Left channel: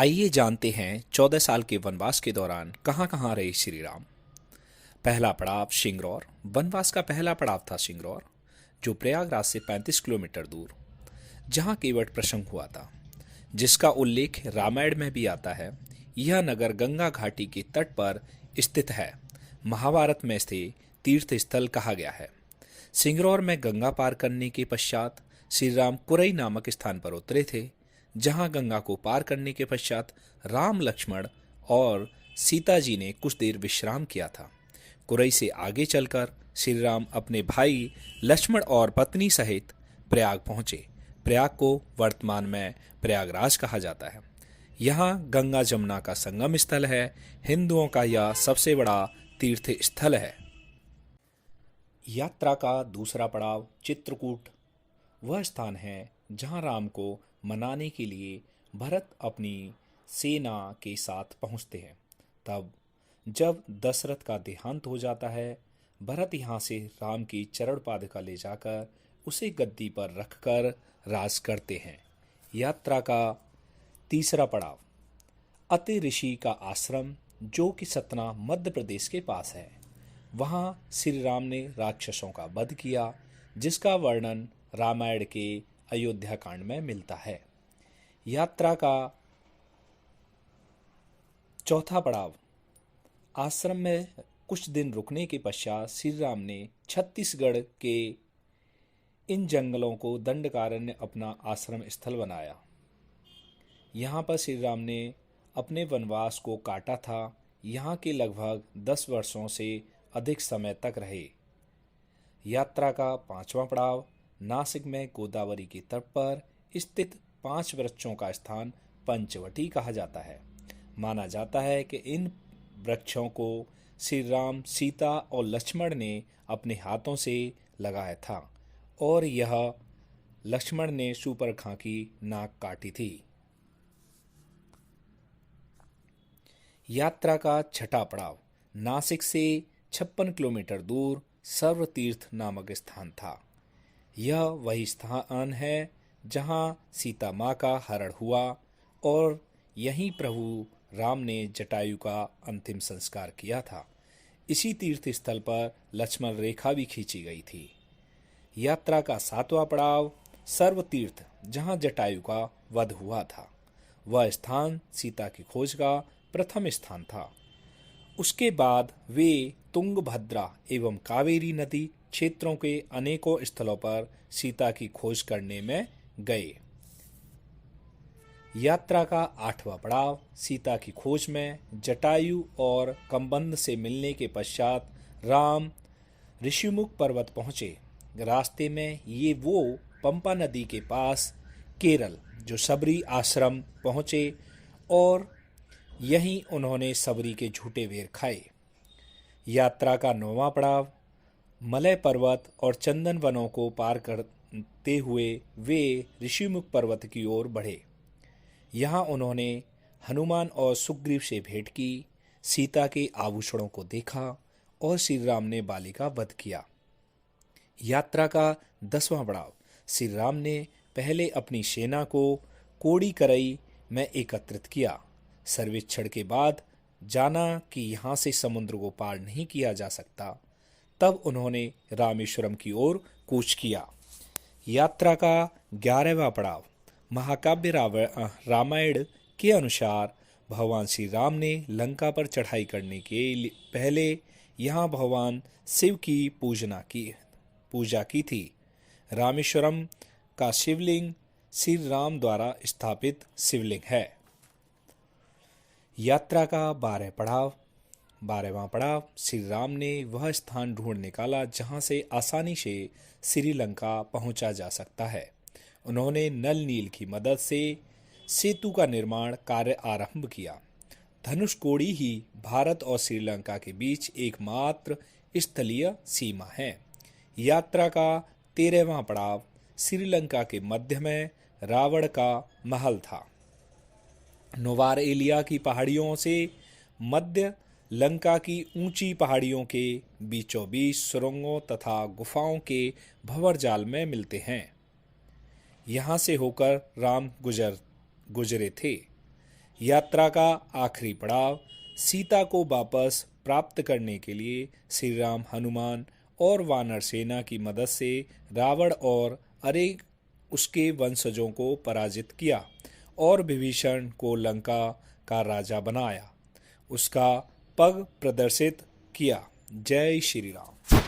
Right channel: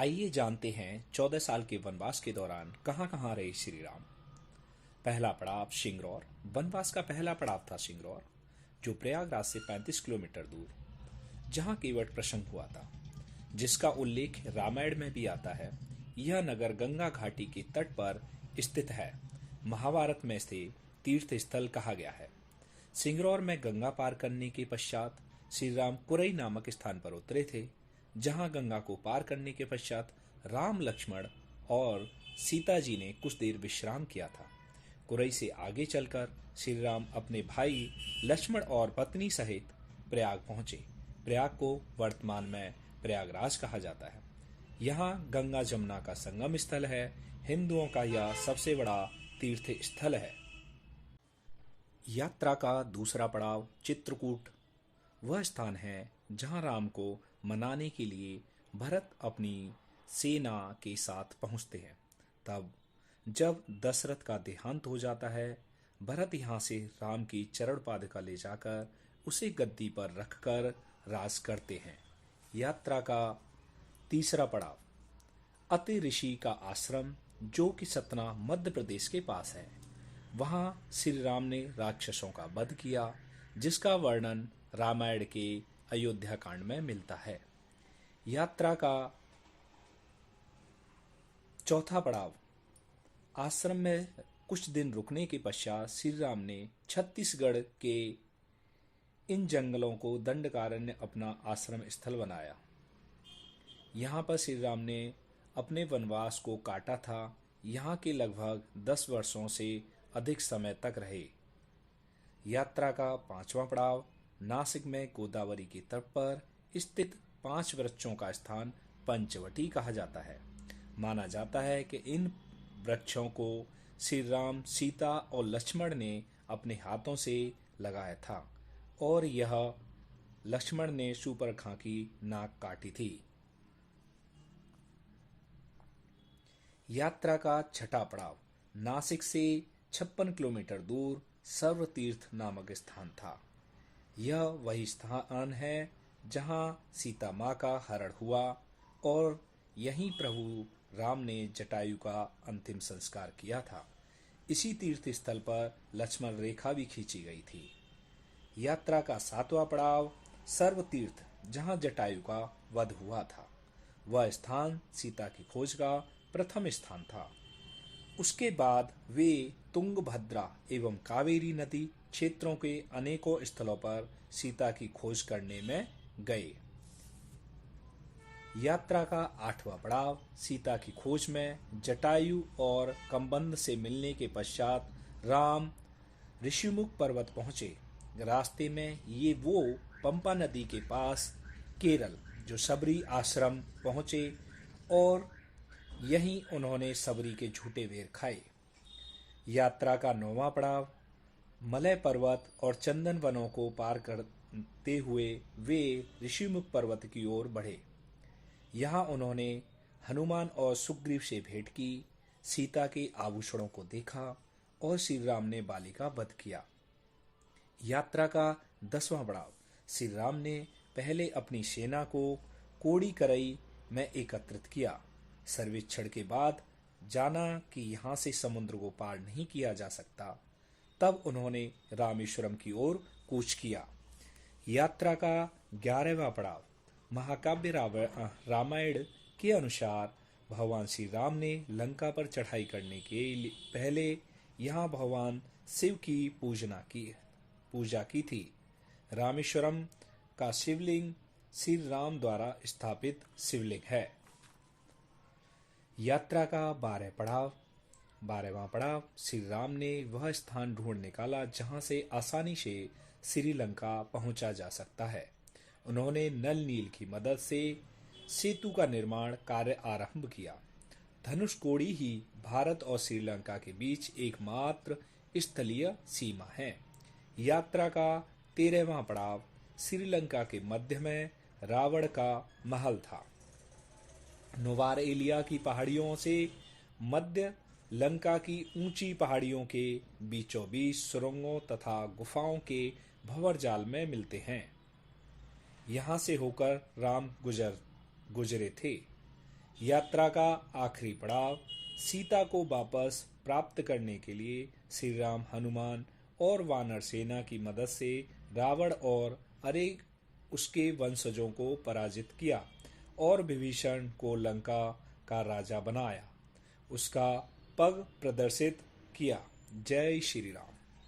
आइए जानते हैं 14 साल के वनवास के दौरान कहाँ कहाँ रहे श्री राम। पहला पड़ाव शिंगरौर। वनवास का पहला पड़ाव था शिंगरौर, जो प्रयागराज से 35 किलोमीटर दूर, जहाँ केवट प्रसंग हुआ था, जिसका उल्लेख रामायण में भी आता है। यह नगर गंगा घाटी के तट पर स्थित है। महाभारत में इसे तीर्थ स्थल कहा गया है। सिंगरौर में गंगा पार करने के पश्चात श्री राम कुरई नामक स्थान पर उतरे थे, जहां गंगा को पार करने के पश्चात राम, लक्ष्मण और सीता जी ने कुछ देर विश्राम किया था। कुरई से आगे चलकर श्री राम अपने भाई लक्ष्मण और पत्नी सहित प्रयाग पहुंचे। प्रयाग को वर्तमान में प्रयागराज कहा जाता है। यहाँ गंगा जमुना का संगम स्थल है। हिंदुओं का यह सबसे बड़ा तीर्थ स्थल है। यात्रा का दूसरा पड़ाव चित्रकूट। वह स्थान है जहाँ राम को मनाने के लिए भरत अपनी सेना के साथ पहुँचते हैं। तब जब दशरथ का देहांत हो जाता है, भरत यहाँ से राम की चरण पादुका ले जाकर उसे गद्दी पर रखकर राज करते हैं। यात्रा का तीसरा पड़ाव अति ऋषि का आश्रम, जो कि सतना मध्य प्रदेश के पास है। वहाँ श्री राम ने राक्षसों का वध किया, जिसका वर्णन रामायण के अयोध्या कांड में मिलता है। यात्रा का चौथा पड़ाव आश्रम में कुछ दिन रुकने के पश्चात श्री राम ने छत्तीसगढ़ के इन जंगलों को दंडकारण्य अपना आश्रम स्थल बनाया। यहाँ पर श्री राम ने अपने वनवास को काटा था। यहाँ के लगभग 10 वर्षों से अधिक समय तक रहे। यात्रा का पांचवा पड़ाव नासिक में गोदावरी के तट पर स्थित 5 वृक्षों का स्थान पंचवटी कहा जाता है। माना जाता है कि इन वृक्षों को श्री राम, सीता और लक्ष्मण ने अपने हाथों से लगाया था और यह लक्ष्मण ने शूर्पणखा की नाक काटी थी। यात्रा का छठा पड़ाव नासिक से 56 किलोमीटर दूर सर्वतीर्थ नामक स्थान था। यह वही स्थान है जहां सीता माँ का हरण हुआ और यहीं प्रभु राम ने जटायु का अंतिम संस्कार किया था। इसी तीर्थ स्थल पर लक्ष्मण रेखा भी खींची गई थी। यात्रा का 7वां पड़ाव सर्वतीर्थ, जहां जटायु का वध हुआ था। वह स्थान सीता की खोज का प्रथम स्थान था। उसके बाद वे तुंगभद्रा एवं कावेरी नदी क्षेत्रों के अनेकों स्थलों पर सीता की खोज करने में गए। यात्रा का 8वां पड़ाव सीता की खोज में जटायु और कम्बंद से मिलने के पश्चात राम ऋषिमुख पर्वत पहुंचे। रास्ते में ये वो पंपा नदी के पास केरल, जो सबरी आश्रम, पहुंचे और यहीं उन्होंने सबरी के झूठे बेर खाए। यात्रा का 9वां पड़ाव मलय पर्वत और चंदन वनों को पार करते हुए वे ऋषिमुख पर्वत की ओर बढ़े। यहाँ उन्होंने हनुमान और सुग्रीव से भेंट की, सीता के आभूषणों को देखा और श्री राम ने बाली का वध किया। यात्रा का 10वां पड़ाव श्री राम ने पहले अपनी सेना को कोड़ीकरई में एकत्रित किया। सर्वेक्षण के बाद जाना कि यहाँ से समुद्र को पार नहीं किया जा सकता, तब उन्होंने रामेश्वरम की ओर कूच किया। यात्रा का 11वां पड़ाव महाकाव्य रामायण के अनुसार भगवान श्री राम ने लंका पर चढ़ाई करने के पहले यहाँ भगवान शिव की पूजा की थी। रामेश्वरम का शिवलिंग श्री राम द्वारा स्थापित शिवलिंग है। यात्रा का 12वां पड़ाव श्री राम ने वह स्थान ढूंढ निकाला जहां से आसानी से श्रीलंका पहुंचा जा सकता है। उन्होंने नल नील की मदद से सेतु का निर्माण कार्य आरंभ किया। धनुषकोडी ही भारत और श्रीलंका के बीच एकमात्र स्थलीय सीमा है। यात्रा का 13वां पड़ाव श्रीलंका के मध्य में रावण का महल था। नोवार एलिया की पहाड़ियों से मध्य लंका की ऊंची पहाड़ियों के बीचों बीच सुरंगों तथा गुफाओं के भंवर जाल में मिलते हैं। यहाँ से होकर राम गुजरे थे। यात्रा का आखिरी पड़ाव, सीता को वापस प्राप्त करने के लिए श्री राम हनुमान और वानर सेना की मदद से रावण और अनेक उसके वंशजों को पराजित किया और विभीषण को लंका का राजा बनाया, उसका पग प्रदर्शित किया। जय श्री राम।